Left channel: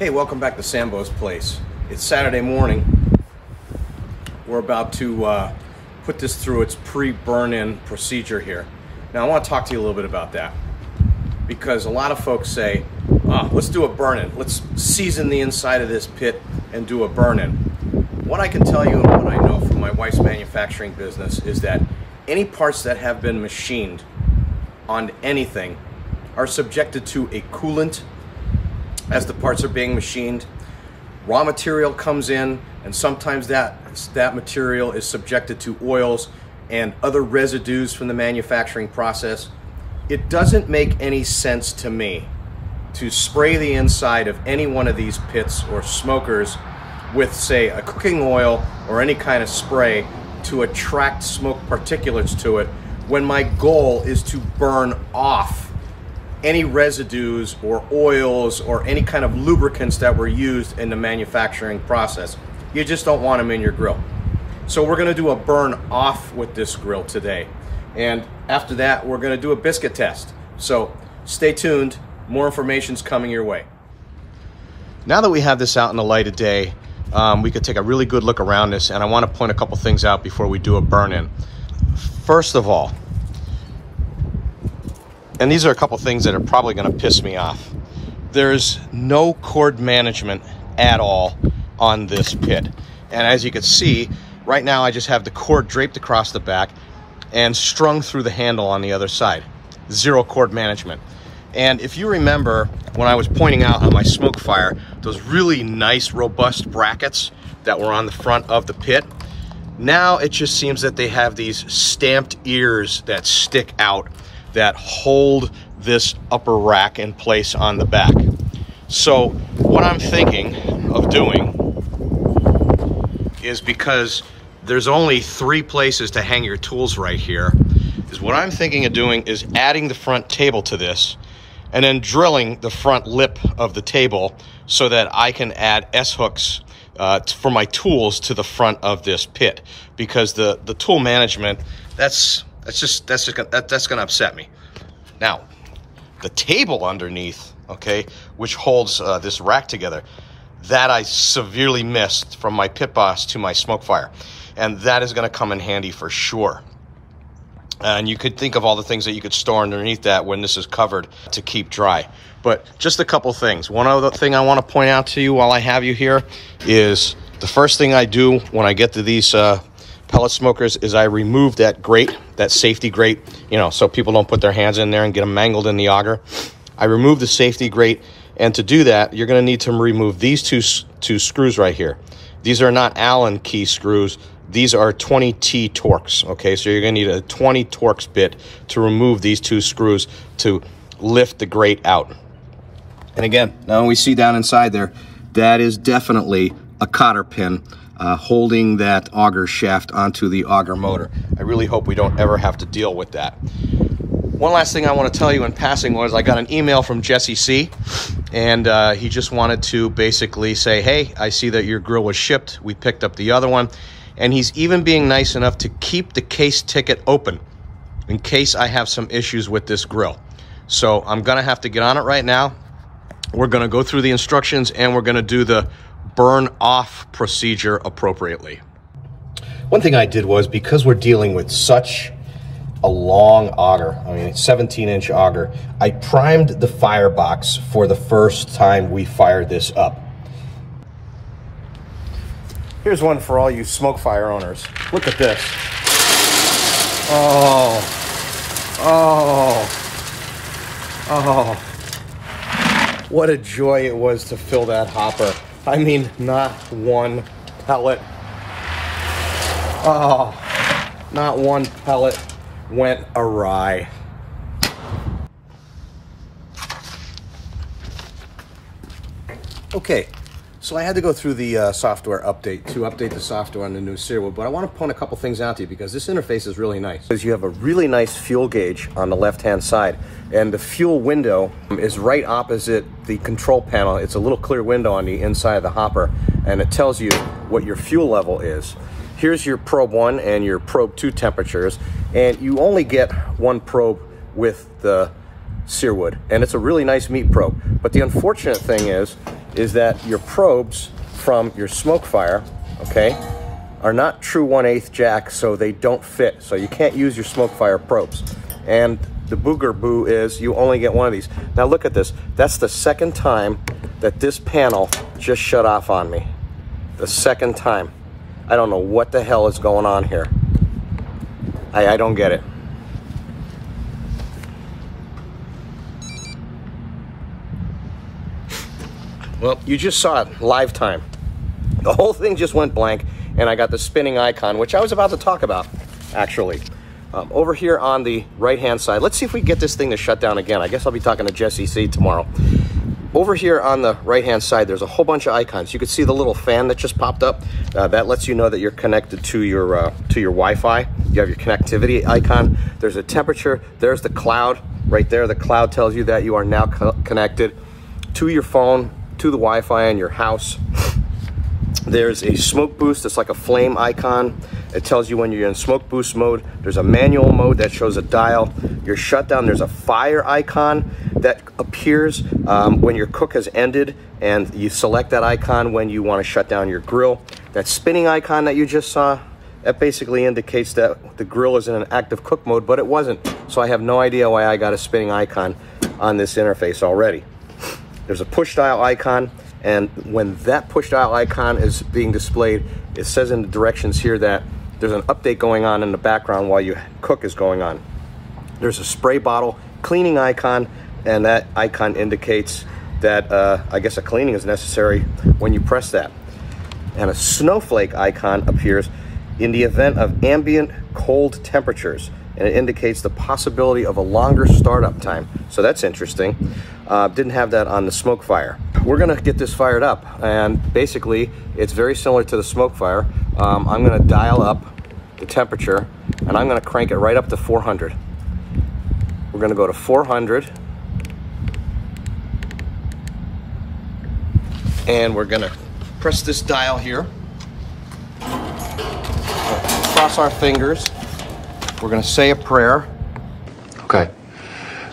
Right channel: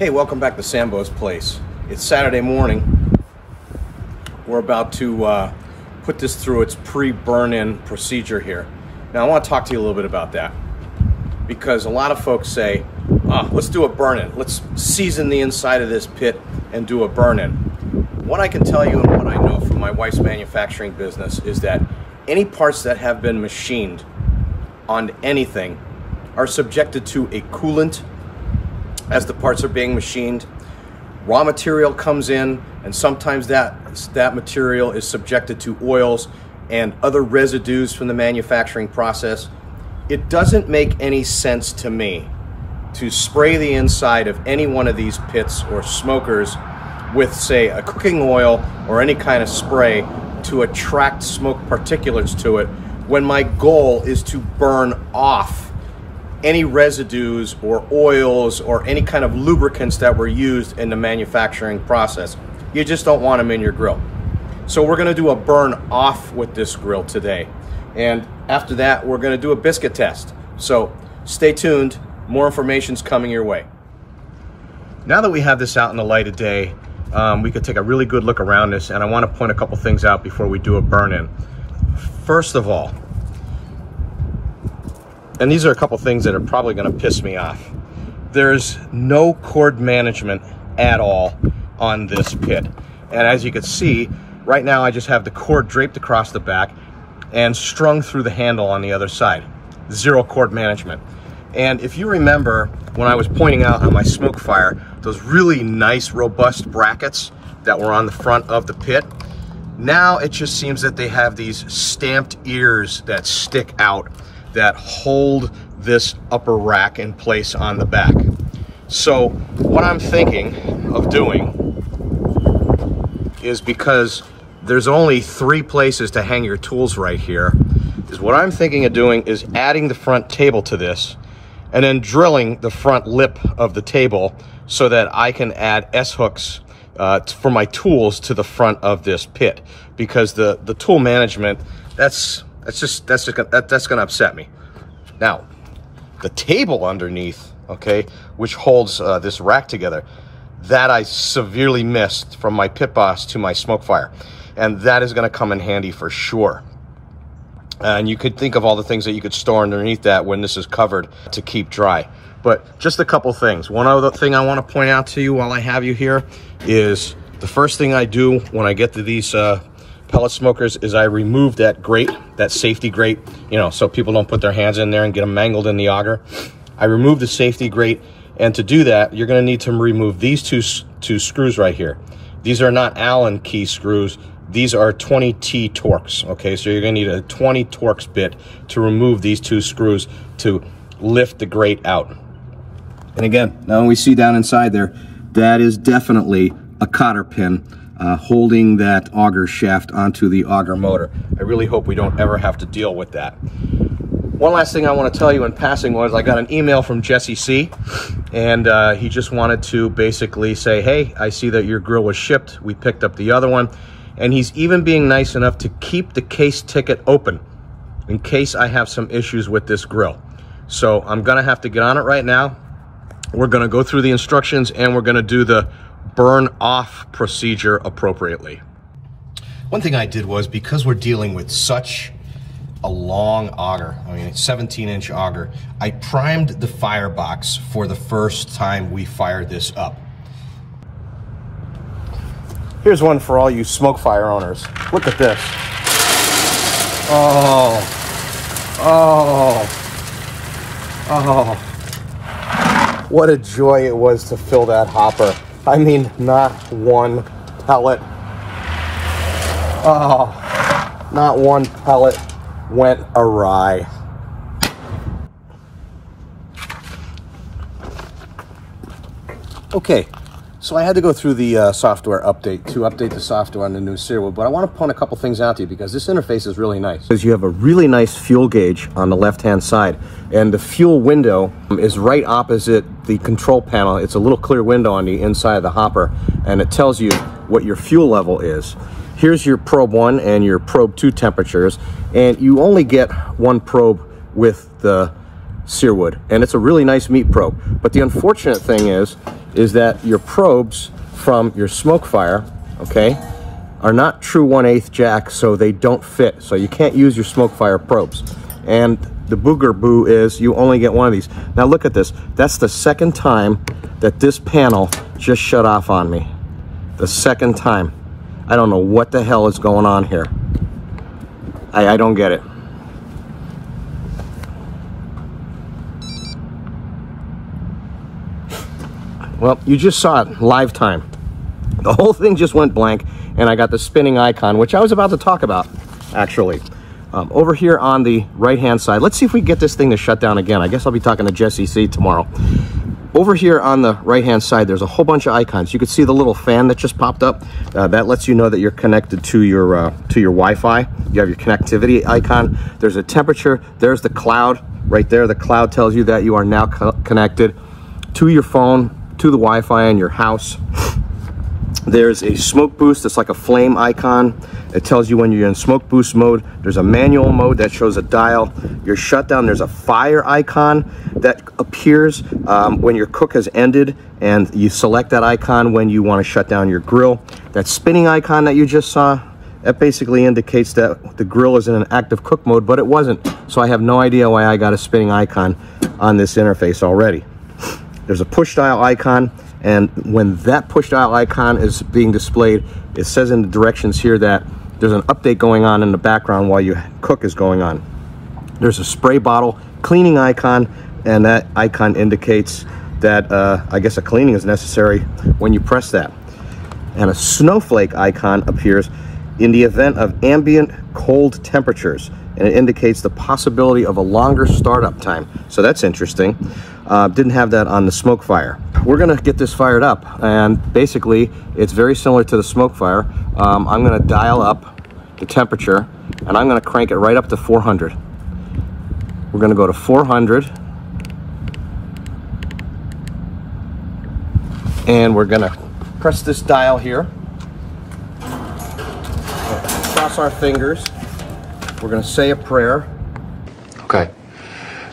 Hey, welcome back to Sambo's Place. It's Saturday morning. We're about to put this through its pre-burn-in procedure here. Now I want to talk to you a little bit about that, because a lot of folks say, let's do a burn-in. Let's season the inside of this pit and do a burn-in. What I can tell you and what I know from my wife's manufacturing business is that any parts that have been machined on anything are subjected to a coolant as the parts are being machined. Raw material comes in, and sometimes that material is subjected to oils and other residues from the manufacturing process. It doesn't make any sense to me to spray the inside of any one of these pits or smokers with, say, a cooking oil or any kind of spray to attract smoke particulates to it, when my goal is to burn off any residues or oils or any kind of lubricants that were used in the manufacturing process. You just don't want them in your grill. So we're gonna do a burn off with this grill today. And after that, we're gonna do a biscuit test. So stay tuned, more information's coming your way. Now that we have this out in the light of day, we could take a really good look around this, and I wanna point a couple things out before we do a burn-in. First of all, and these are a couple things that are probably gonna piss me off, there's no cord management at all on this pit. And as you can see, right now I just have the cord draped across the back and strung through the handle on the other side. Zero cord management. And if you remember, when I was pointing out on my smoke fire, those really nice, robust brackets that were on the front of the pit, now it just seems that they have these stamped ears that stick out that hold this upper rack in place on the back. So what I'm thinking of doing is, because there's only 3 places to hang your tools right here, is what I'm thinking of doing is adding the front table to this and then drilling the front lip of the table so that I can add S-hooks for my tools to the front of this pit, because the tool management, that's gonna upset me. Now, the table underneath, okay, which holds this rack together, that I severely missed from my pit boss to my smoke fire, and that is gonna come in handy for sure. And you could think of all the things that you could store underneath that when this is covered to keep dry. But just a couple things. One other thing I want to point out to you while I have you here is the first thing I do when I get to these pellet smokers is I remove that grate, that safety grate, you know, so people don't put their hands in there and get them mangled in the auger. I remove the safety grate, and to do that, you're going to need to remove these two screws right here. These are not Allen key screws. These are 20T Torx, okay? So you're gonna need a 20 Torx bit to remove these 2 screws to lift the grate out. And again, now we see down inside there, that is definitely a cotter pin holding that auger shaft onto the auger motor. I really hope we don't ever have to deal with that. One last thing I want to tell you in passing was I got an email from Jesse C, and he just wanted to basically say, hey, I see that your grill was shipped. We picked up the other one. And he's even being nice enough to keep the case ticket open in case I have some issues with this grill. So I'm gonna have to get on it right now. We're gonna go through the instructions, and we're gonna do the burn off procedure appropriately. One thing I did was, because we're dealing with such a long auger, I mean 17-inch auger, I primed the firebox for the first time we fired this up. Here's one for all you smoke fire owners. Look at this. Oh. What a joy it was to fill that hopper. I mean, not one pellet. Not one pellet went awry. Okay. So I had to go through the software update to update the software on the new SearWood, but I want to point a couple things out to you, because this interface is really nice. Because you have a really nice fuel gauge on the left-hand side, and the fuel window is right opposite the control panel. It's a little clear window on the inside of the hopper, and it tells you what your fuel level is. Here's your probe 1 and your probe 2 temperatures, and you only get one probe with the SearWood, and it's a really nice meat probe. But the unfortunate thing is that your probes from your smoke fire, okay, are not true 1/8 jack, so they don't fit. So you can't use your smoke fire probes. And the booger boo is you only get one of these. Now look at this. That's the second time that this panel just shut off on me. The second time. I don't know what the hell is going on here. I don't get it. Well, you just saw it live time. The whole thing just went blank, and I got the spinning icon, which I was about to talk about, actually. Over here on the right-hand side, let's see if we can get this thing to shut down again. I guess I'll be talking to Jesse C tomorrow. Over here on the right-hand side, there's a whole bunch of icons. You can see the little fan that just popped up. That lets you know that you're connected to your Wi-Fi. You have your connectivity icon. There's a temperature. There's the cloud right there. The cloud tells you that you are now connected to your phone, to the Wi-Fi in your house. There's a smoke boost. It's like a flame icon. It tells you when you're in smoke boost mode. There's a manual mode that shows a dial. Your shutdown, there's a fire icon that appears when your cook has ended, and you select that icon when you want to shut down your grill. That spinning icon that you just saw, that basically indicates that the grill is in an active cook mode, but it wasn't. So I have no idea why I got a spinning icon on this interface already. There's a push dial icon, and when that push dial icon is being displayed, it says in the directions here that there's an update going on in the background while your cook is going on. There's a spray bottle cleaning icon, and that icon indicates that I guess a cleaning is necessary when you press that. And a snowflake icon appears in the event of ambient cold temperatures, and it indicates the possibility of a longer startup time. So that's interesting. Didn't have that on the smoke fire. We're gonna get this fired up, and basically it's very similar to the smoke fire. I'm gonna dial up the temperature, and I'm gonna crank it right up to 400. We're gonna go to 400, and we're gonna press this dial here. Cross our fingers. We're gonna say a prayer. Okay.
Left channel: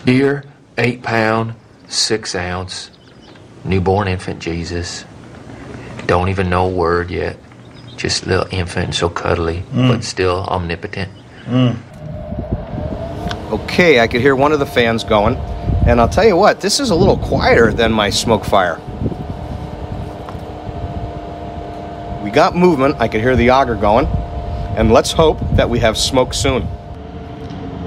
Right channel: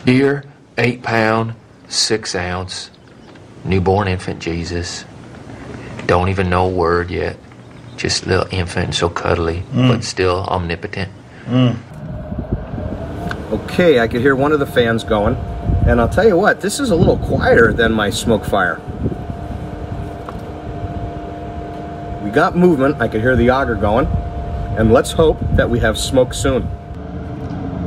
Dear 8-pound, 6-ounce, newborn infant Jesus, don't even know a word yet, just a little infant, so cuddly, but still omnipotent. Okay, I could hear one of the fans going, and I'll tell you what, this is a little quieter than my smoke fire. We got movement. I could hear the auger going, and let's hope that we have smoke soon.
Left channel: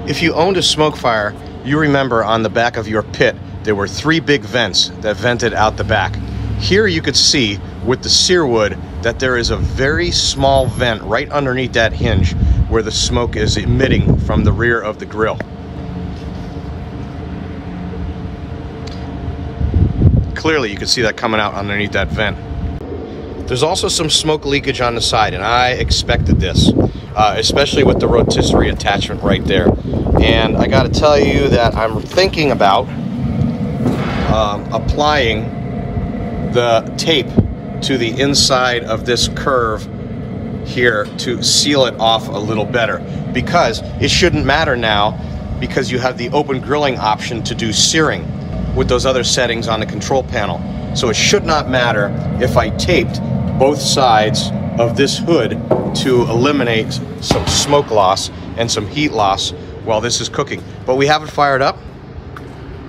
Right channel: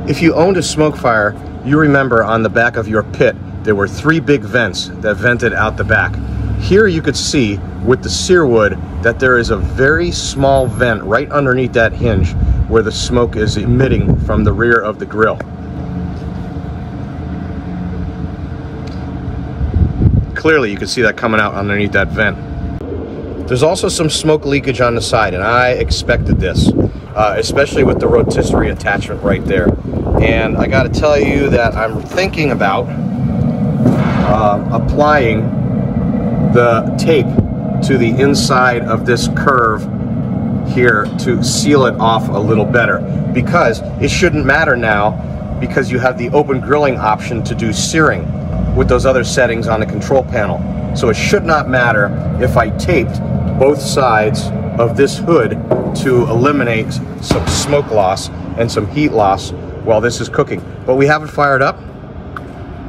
If you owned a smoke fire, you remember on the back of your pit there were 3 big vents that vented out the back. Here you could see with the SearWood that there is a very small vent right underneath that hinge where the smoke is emitting from the rear of the grill. Clearly you can see that coming out underneath that vent. There's also some smoke leakage on the side, and I expected this, especially with the rotisserie attachment right there. And I gotta tell you that I'm thinking about applying the tape to the inside of this curve here to seal it off a little better, because it shouldn't matter now, because you have the open grilling option to do searing with those other settings on the control panel. So it should not matter if I taped both sides of this hood to eliminate some smoke loss and some heat loss while this is cooking. But we have it fired up.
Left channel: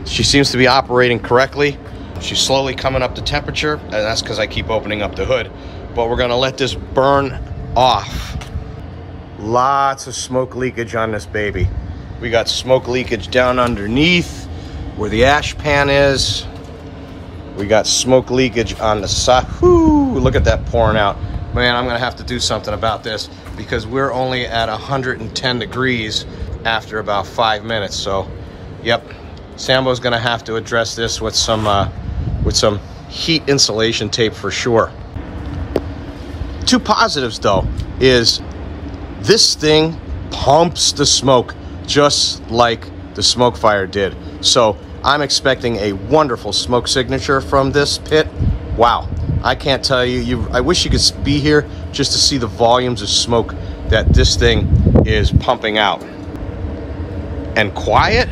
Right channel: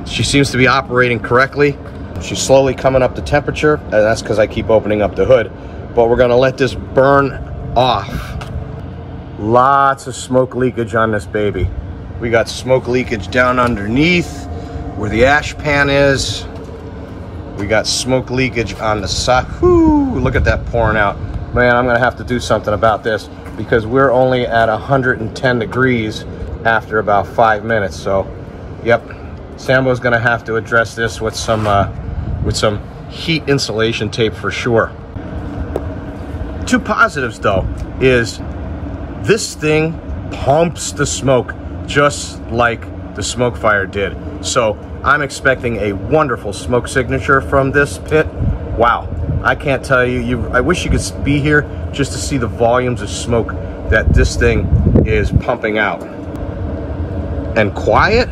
She seems to be operating correctly. She's slowly coming up to temperature, and that's because I keep opening up the hood. But we're gonna let this burn off. Lots of smoke leakage on this baby. We got smoke leakage down underneath where the ash pan is. We got smoke leakage on the side. Whoo, look at that pouring out. Man, I'm gonna have to do something about this because we're only at 110 degrees after about 5 minutes. So, yep, Sambo's gonna have to address this with some heat insulation tape for sure. 2 positives though is this thing pumps the smoke just like the smoke fire did. So I'm expecting a wonderful smoke signature from this pit. Wow, I can't tell you, I wish you could be here just to see the volumes of smoke that this thing is pumping out. And quiet,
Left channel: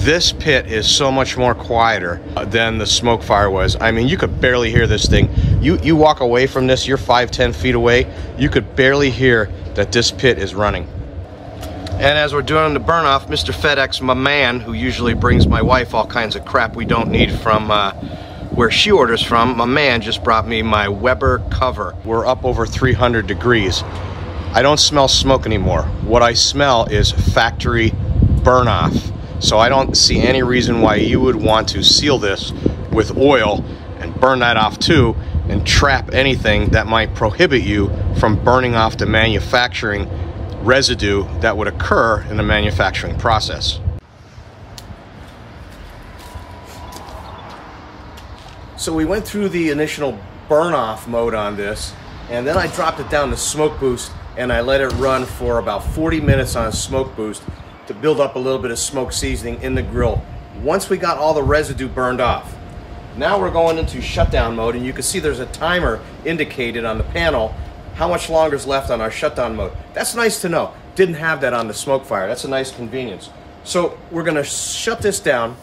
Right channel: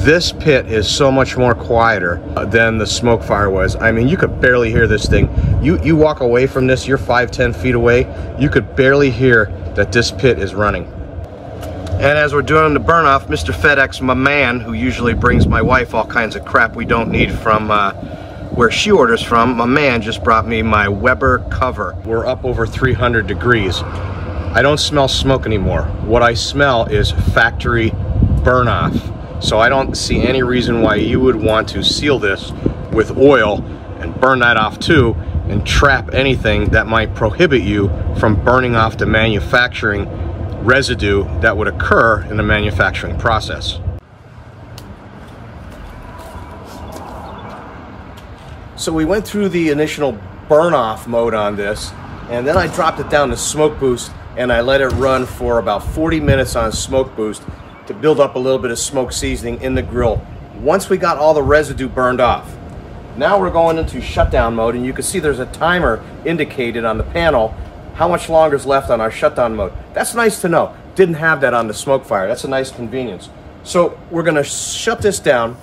This pit is so much more quieter than the smoke fire was. I mean, you could barely hear this thing. You walk away from this, you're 5-10 feet away, you could barely hear that this pit is running. And as we're doing the burn off, Mr. FedEx, my man, who usually brings my wife all kinds of crap we don't need from where she orders from, my man just brought me my Weber cover. We're up over 300 degrees. I don't smell smoke anymore. What I smell is factory burn off. So I don't see any reason why you would want to seal this with oil and burn that off too, and trap anything that might prohibit you from burning off the manufacturing residue that would occur in the manufacturing process. So we went through the initial burn off mode on this, and then I dropped it down to smoke boost, and I let it run for about 40 minutes on smoke boost to build up a little bit of smoke seasoning in the grill. Once we got all the residue burned off, now we're going into shutdown mode, and you can see there's a timer indicated on the panel how much longer is left on our shutdown mode. That's nice to know. Didn't have that on the smoke fire. That's a nice convenience. So we're gonna shut this down.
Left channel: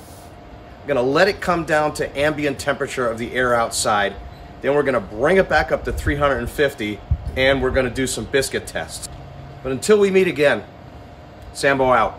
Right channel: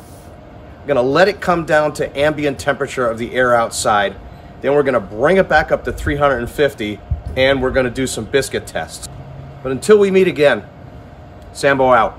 We're gonna let it come down to ambient temperature of the air outside. Then we're gonna bring it back up to 350, and we're gonna do some biscuit tests. But until we meet again, Sambo out.